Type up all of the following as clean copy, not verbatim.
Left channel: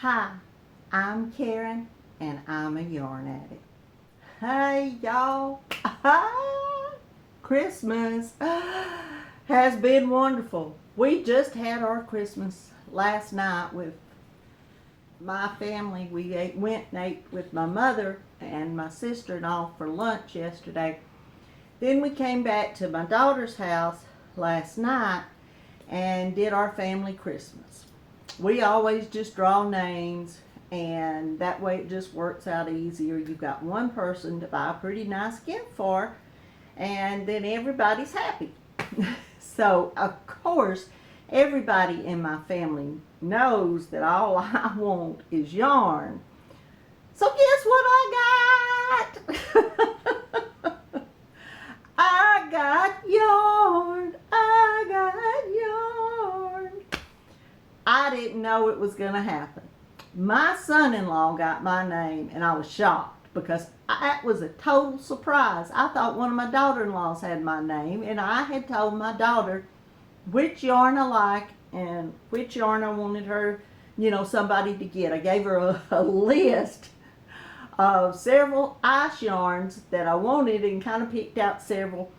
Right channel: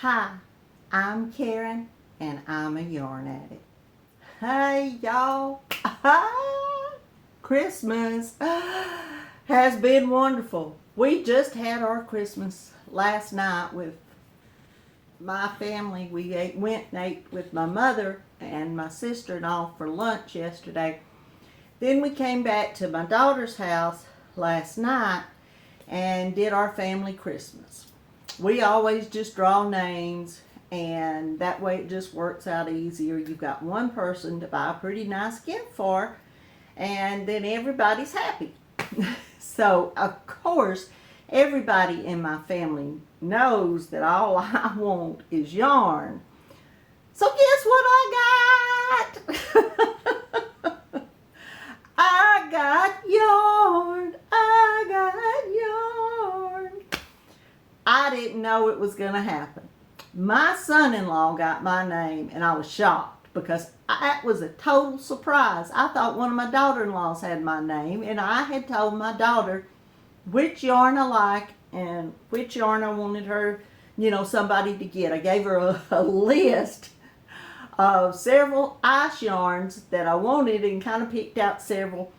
Hi, I'm Karen and I'm a yarn addict. Hey y'all, Christmas has been wonderful. We just had our Christmas last night with my family. We went and ate with my mother and my sister-in-law for lunch yesterday. Then we came back to my daughter's house last night and did our family Christmas. We always just draw names, and that way it just works out easier. You've got one person to buy a pretty nice gift for, and then everybody's happy. So, of course, everybody in my family knows that all I want is yarn. So guess what I got? I got yarn. I got yarn. I didn't know it was going to happen. My son-in-law got my name, and I was shocked because that was a total surprise. I thought one of my daughter-in-laws had my name, and I had told my daughter which yarn I like and which yarn I wanted her, somebody to get. I gave her a list of several ice yarns that I wanted and kind of picked out several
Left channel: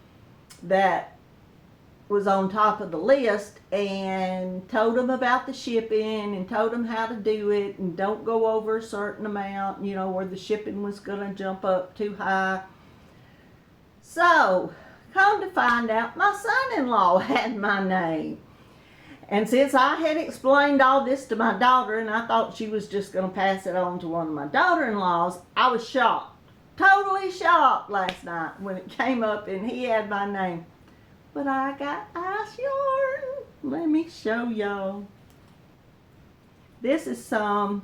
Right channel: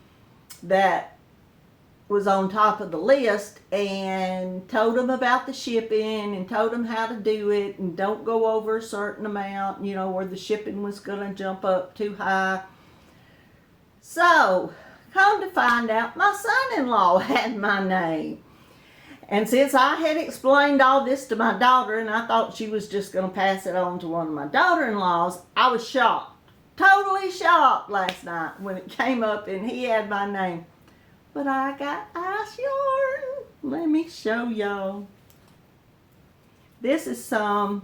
that was on top of the list and told them about the shipping and told them how to do it and don't go over a certain amount, where the shipping was going to jump up too high. So, come to find out, my son-in-law had my name. And since I had explained all this to my daughter and I thought she was just going to pass it on to one of my daughter-in-laws, I was shocked, totally shocked last night when it came up and he had my name. But I got ice yarn. Let me show y'all. This is some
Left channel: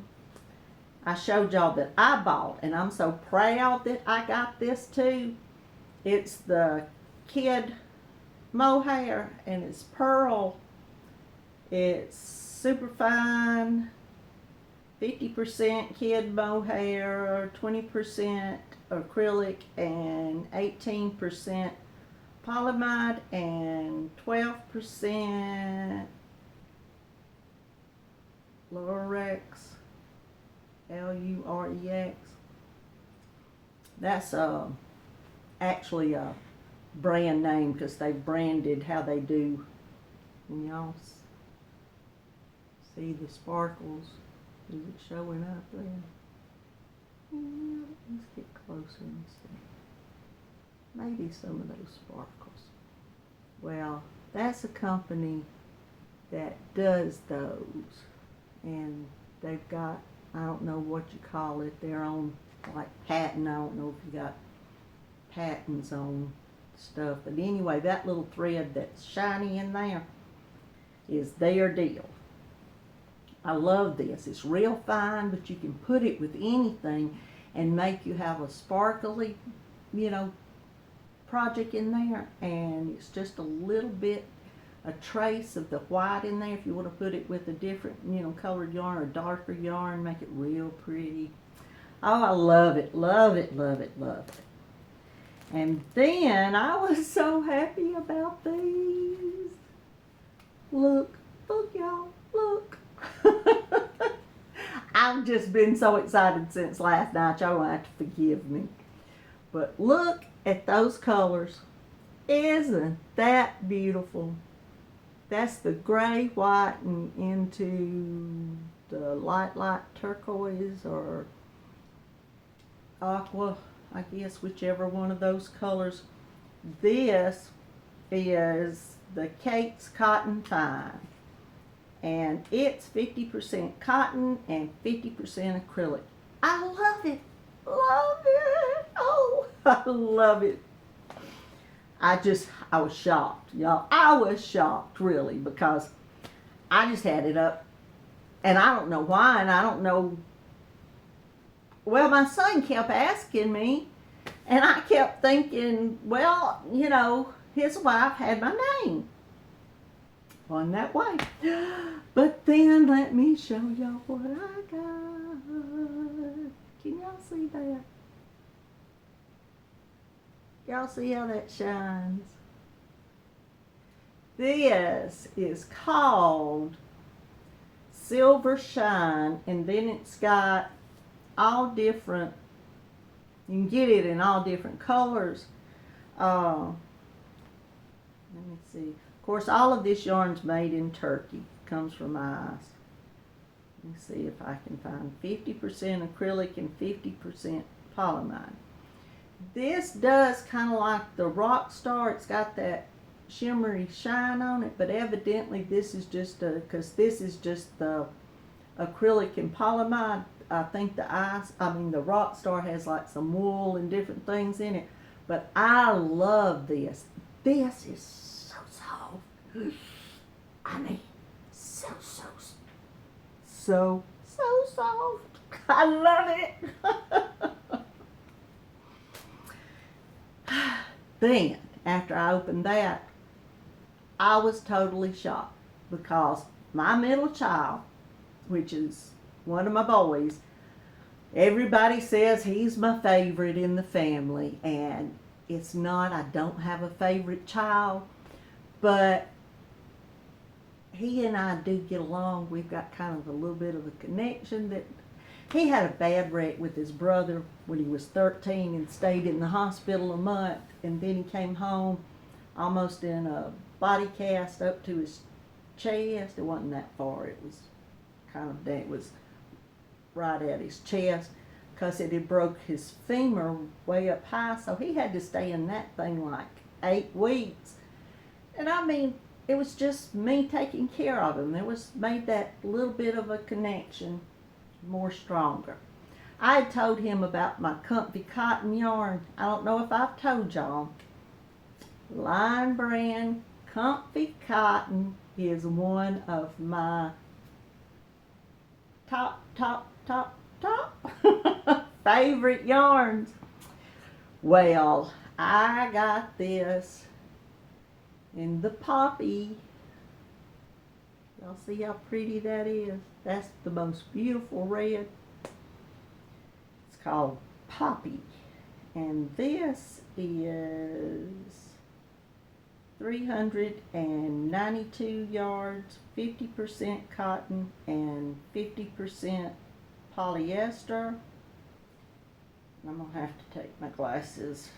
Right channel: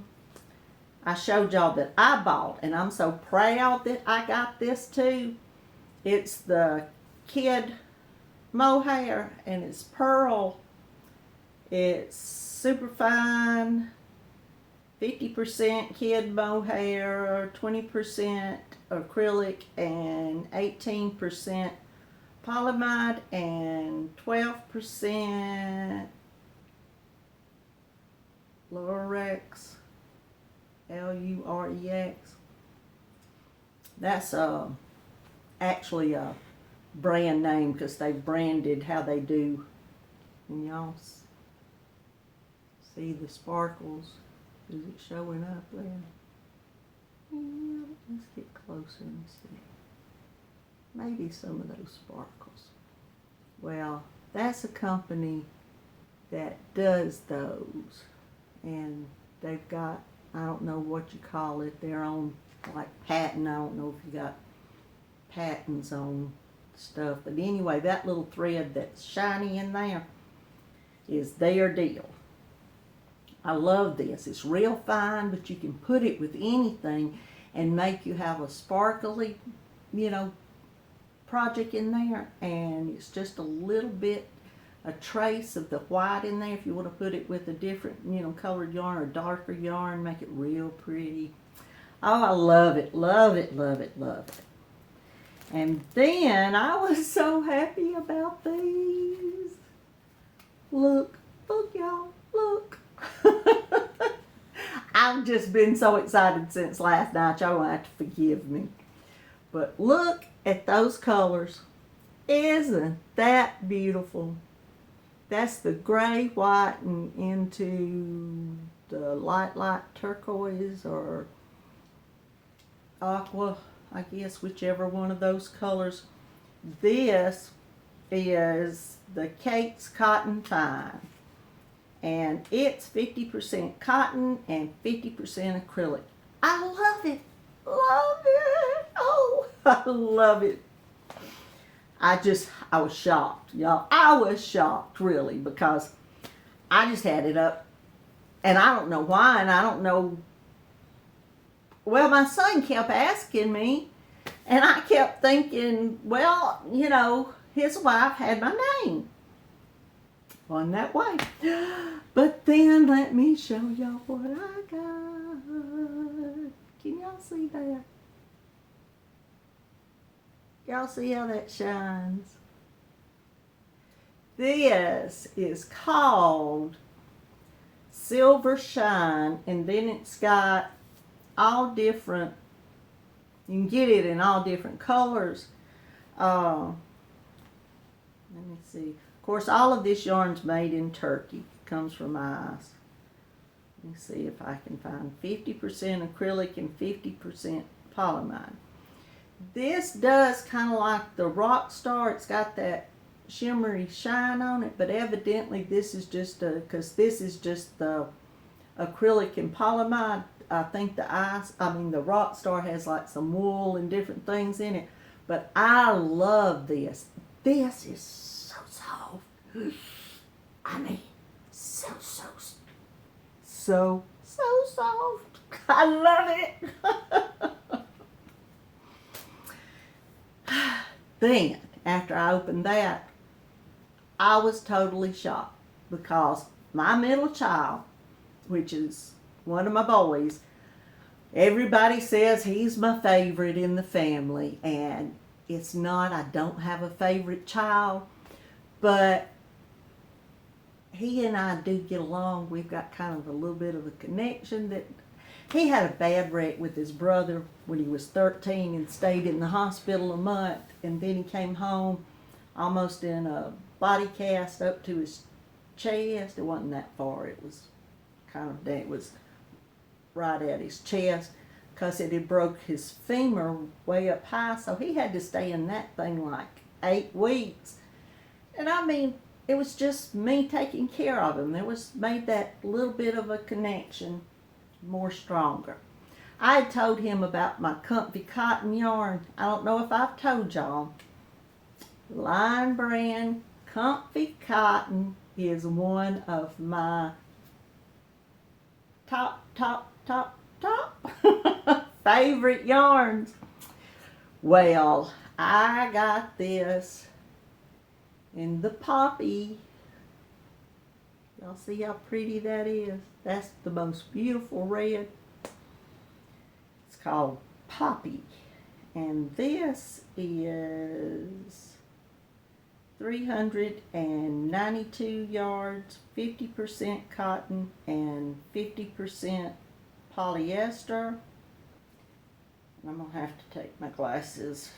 I showed y'all that I bought, and I'm so proud that I got this too. It's the kid mohair, and it's pearl. It's super fine, 50% kid mohair, 20% acrylic, and 18% polyamide, and 12% Lurex, Lurex. That's actually a brand name because they branded how they do. And y'all see the sparkles? Is it showing up there? Yeah, let's get closer and see. Maybe some of those sparkles. Well, that's a company that does those. And they've got, I don't know what you call it, their own like patent. I don't know if you got patents on stuff. But anyway, that little thread that's shiny in there is their deal. I love this. It's real fine, but you can put it with anything and make you have a sparkly, project in there, and it's just a little bit, a trace of the white in there. If you want to put it with a different, colored yarn or darker yarn, make it real pretty. Oh, I love it, love it, love it, love it. And then I was so happy about these. Look, y'all, look. I've just been so excited since last night. Y'all will have to forgive me. But look at those colors. Isn't that beautiful? That's the gray, white, and into the light turquoise or aqua, I guess, whichever one of those colors. This is the Kate's Cotton Fine. And it's 50% cotton and 50% acrylic. I love it. Love it. Oh, I love it. I was shocked, y'all. I was shocked, really, because I just had it up. And I don't know why, and I don't know. Well, my son kept asking me, and I kept thinking, well, his wife had my name on that way. But then let me show y'all what I got. Can y'all see that? Y'all see how that shines? This is called silver shine, and then it's got all different, you can get it in all different colors. Let me see. Of course, all of this yarn's made in Turkey. Comes from ice. Let me see if I can find 50% acrylic and 50% polyamide. This does kind of like the rock star. It's got that shimmery shine on it, but evidently this is just because this is just the acrylic and polyamide. I think the rock star has like some wool and different things in it, but I love this. This is so soft. I mean, so soft. I love it. Then, after I opened that, I was totally shocked because my middle child, which is one of my boys, everybody says he's my favorite in the family, and it's not. I don't have a favorite child, but he and I do get along. We've got kind of a little bit of a connection. That he had a bad wreck with his brother when he was 13 and stayed in the hospital a month, and then he came home almost in a body cast up to his chest. It wasn't that far. It was it was right at his chest because it had broke his femur way up high, so he had to stay in that thing like 8 weeks. And I mean, it was just me taking care of him. It was made that little bit of a connection more stronger. I had told him about my comfy cotton yarn. I don't know if I've told y'all. Line brand comfy cotton is one of my top favorite yarns. Well, I got this in the poppy. Y'all see how pretty that is? That's the most beautiful red. It's called Poppy. And this is 392 yards, 50% cotton and 50% polyester. And I'm going to have to take my glasses.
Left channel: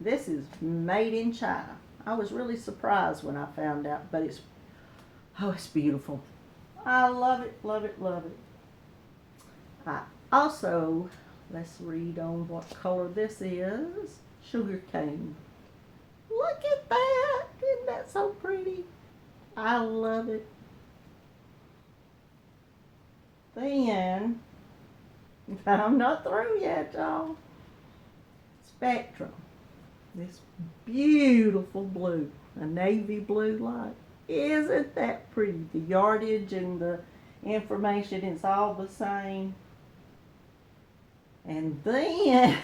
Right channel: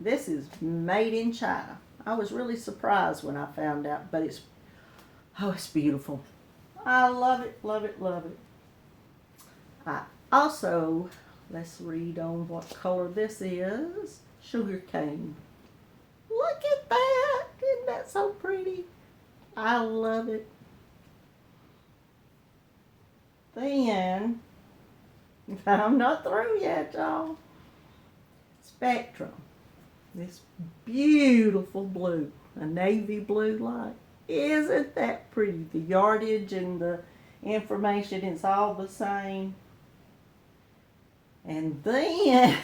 This is made in China. I was really surprised when I found out, but it's beautiful. I love it, love it, love it. Also, let's read on what color this is. Sugar cane. Look at that. Isn't that so pretty? I love it. Then, I'm not through yet, y'all. Spectrum. This beautiful blue. A navy blue light. Isn't that pretty? The yardage and the information, it's all the same. And then,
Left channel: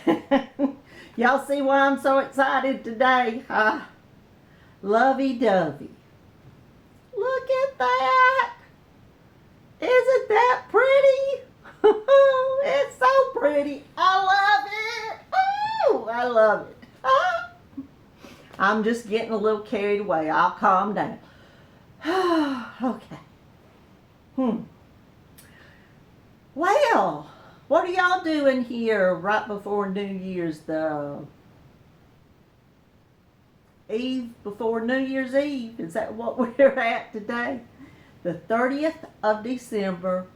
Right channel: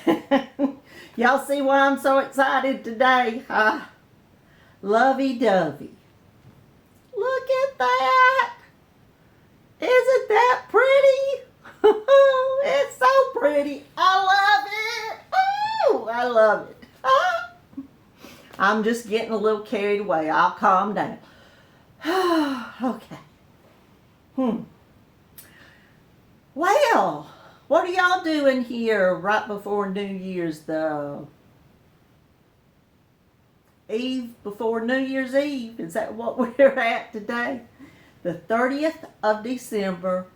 y'all see why I'm so excited today? Lovey-dovey. Look at that. Isn't that pretty? It's so pretty. I love it. Oh, I love it. I'm just getting a little carried away. I'll calm down. Okay. Well, what are y'all doing here right before New Year's? The Eve before New Year's Eve. Is that what we're at today? The 30th of December,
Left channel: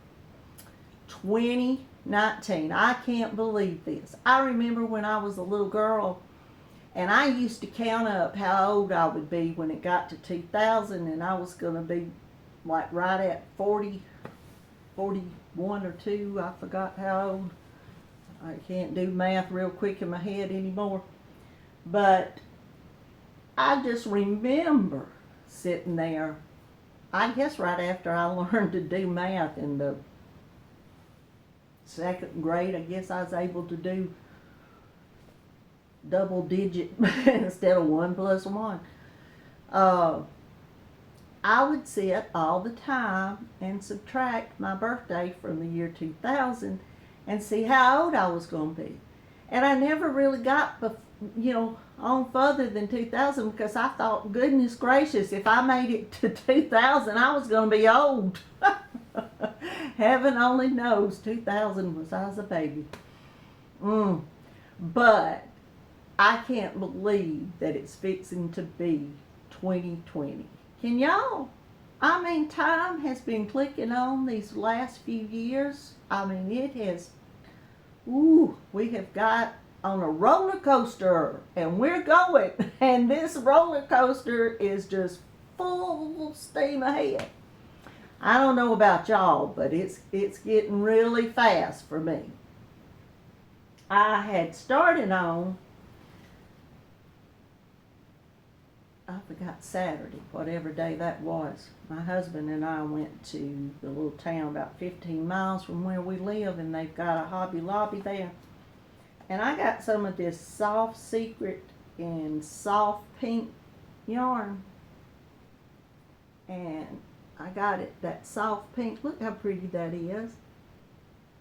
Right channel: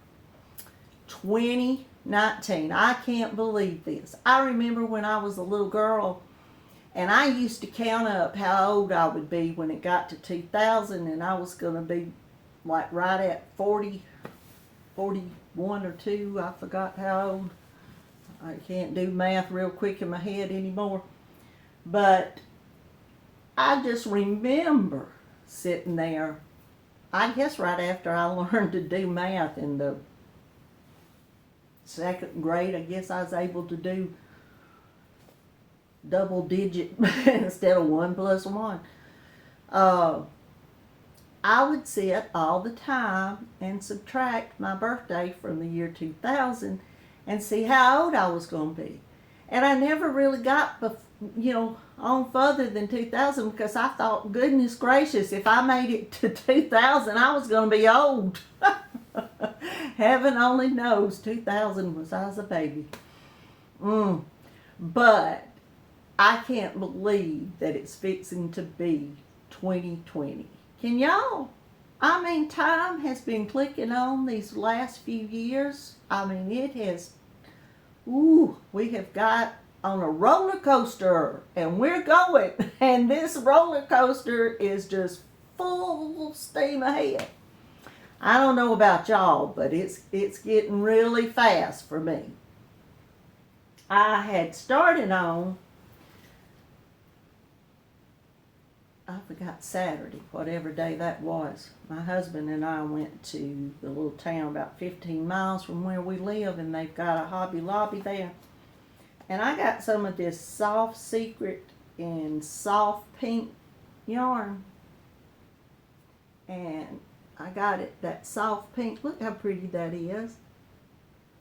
2019. I can't believe this. I remember when I was a little girl, and I used to count up how old I would be when it got to 2000, and I was going to be like right at 40, 41 or 2. I forgot how old. I can't do math real quick in my head anymore. But I just remember sitting there, I guess right after I learned to do math in the 2nd grade. I guess I was able to do double digit instead of 1 plus 1. I would sit all the time and subtract my birthday from the year 2000 and see how old I was going to be. And I never really got, on further than 2000 because I thought, goodness gracious, if I made it to 2000, I was going to be old. Heaven only knows 2000 was I was a baby. But I can't believe that it's fixing to be 2020. Can y'all? I mean, time has been clicking on these last few years. I mean, it has, we have got on a roller coaster and we're going. And this roller coaster is just full steam ahead. I don't know about y'all, but it's getting really fast for me. I had started on, I forgot Saturday, whatever day that was. My husband and I went to the little town about 15 miles from where we live, and they've got a Hobby Lobby there. And I got some of this soft secret in soft pink yarn. And I got it, that soft pink. Look how pretty that is.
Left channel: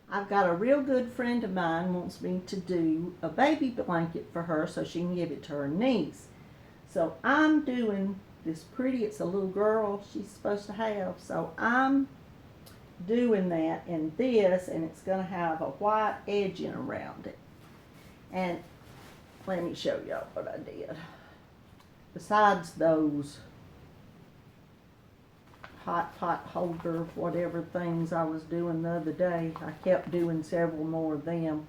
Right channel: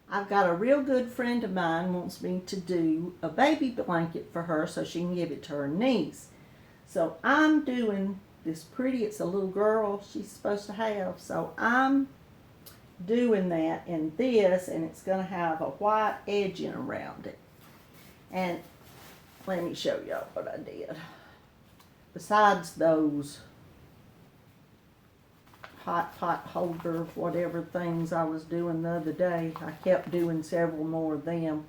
I've got a real good friend of mine wants me to do a baby blanket for her so she can give it to her niece. So I'm doing this pretty, it's a little girl she's supposed to have. So I'm doing that in this, and it's going to have a white edging around it. And let me show y'all what I did. Besides those hot pot holder, whatever things I was doing the other day, I kept doing several more of them.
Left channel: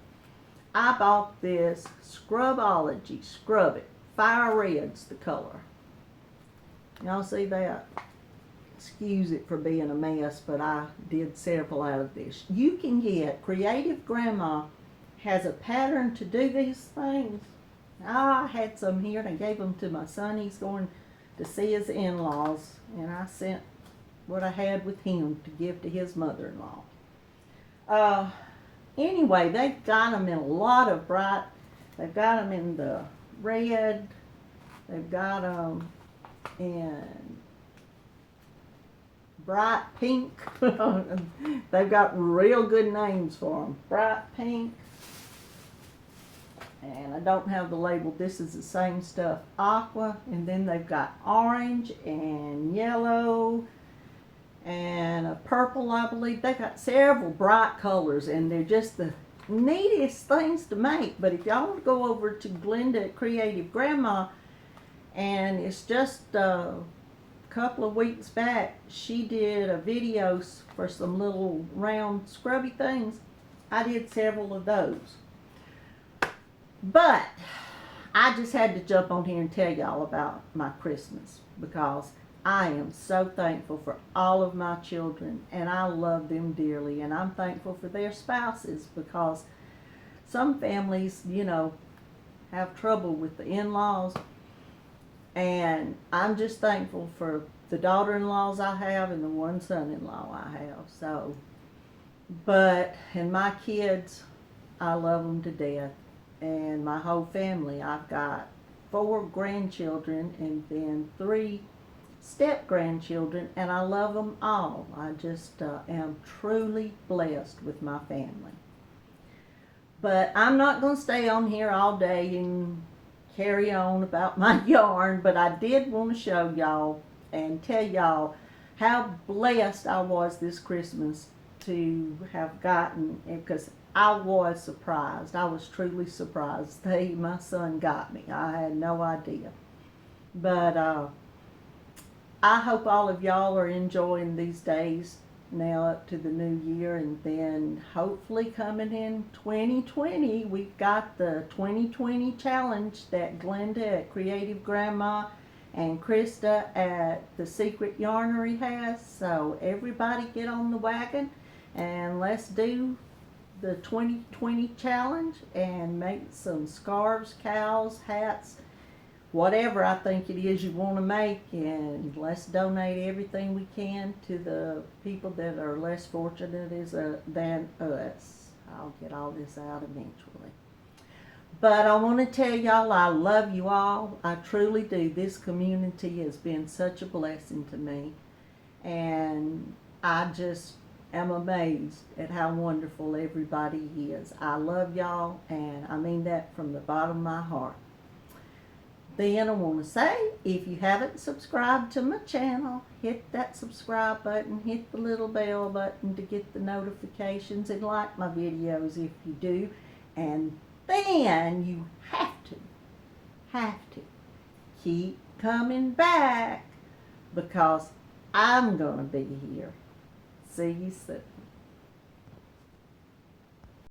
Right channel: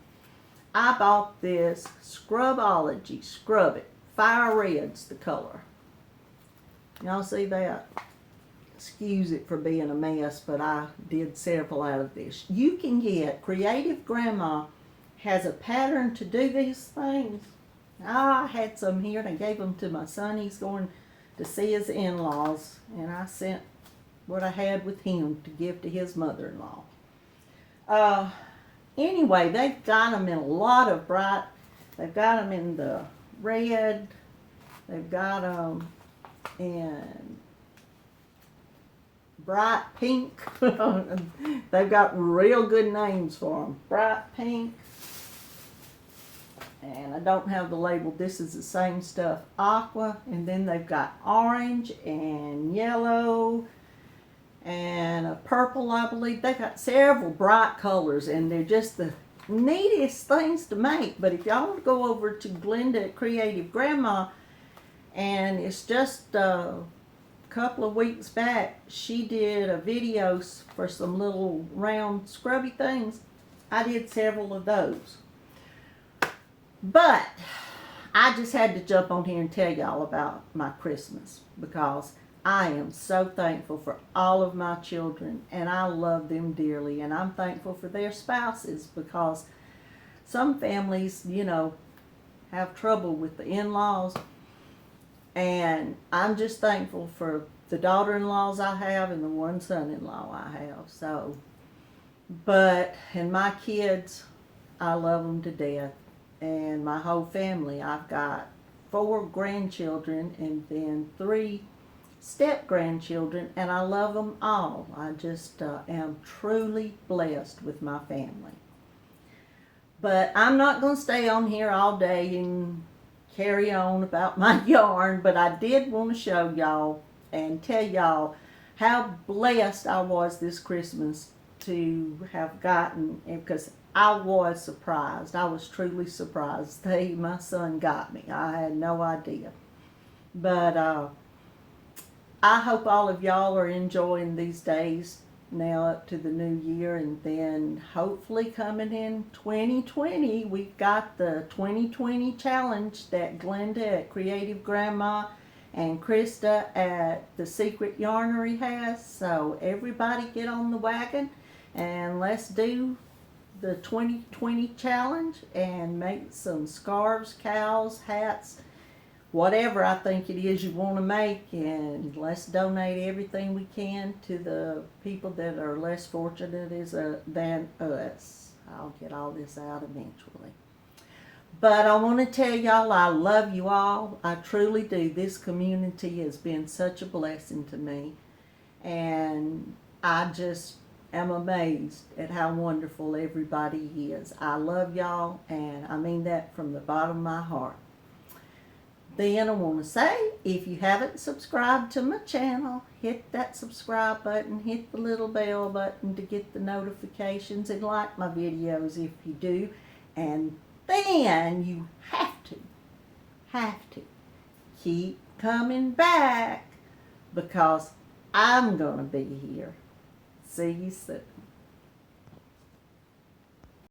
I bought this Scrubology, Scrub It. Fire Red's the color. Y'all see that? Excuse it for being a mess, but I did several out of this. You can get, Creative Grandma has a pattern to do these things. I had some here and I gave them to my son. He's going to see his in-laws, and I sent what I had with him to give to his mother-in-law. Anyway, they've got them in a lot of bright, they've got them in the red, they've got them in bright pink. They've got real good names for them. Bright pink. And I don't have the label. This is the same stuff. Aqua. And then they've got orange and yellow and a purple, I believe. They've got several bright colors, and they're just the neatest things to make. But if y'all want to go over to Glenda at Creative Grandma, and it's just a couple of weeks back, she did a video for some little round scrubby things. I did several of those. But I just had to jump on here and tell y'all about my Christmas, because I am so thankful for all of my children, and I love them dearly, and I'm thankful for their spouses, because some families, you know, have trouble with the in-laws, and I'm just thankful for the daughter-in-laws I have and the one son-in-law I have. So, and my kids, I love them to death, and my whole family. I've got 4 grandchildren and then 3 step-grandchildren, and I love them all. I just am truly blessed with my family. But I'm not going to stay on here all day and carry on about my yarn, but I did want to show y'all and tell y'all how blessed I was this Christmas to have gotten, because I was surprised. I was truly surprised. My son got me. I had no idea. But I hope all of y'all are enjoying these days now up to the new year, and then hopefully coming in 2020, we've got the 2020 challenge that Glenda at Creative Grandma and Krista at the Secret Yarnery has. So everybody get on the wagon and let's do the 2020 challenge and make some scarves, cows, hats, whatever I think it is you want to make, and let's donate everything we can to the people that are less fortunate than us. I'll get all this out eventually. But I want to tell y'all I love you all. I truly do. This community has been such a blessing to me, and I just am amazed at how wonderful everybody is. I love y'all, and I mean that from the bottom of my heart. Then I want to say if you haven't subscribed to my channel, hit that subscribe button, hit the little bell button to get the notifications, and like my videos if you do. And then you have to keep coming back, because I'm going to be here. See you soon.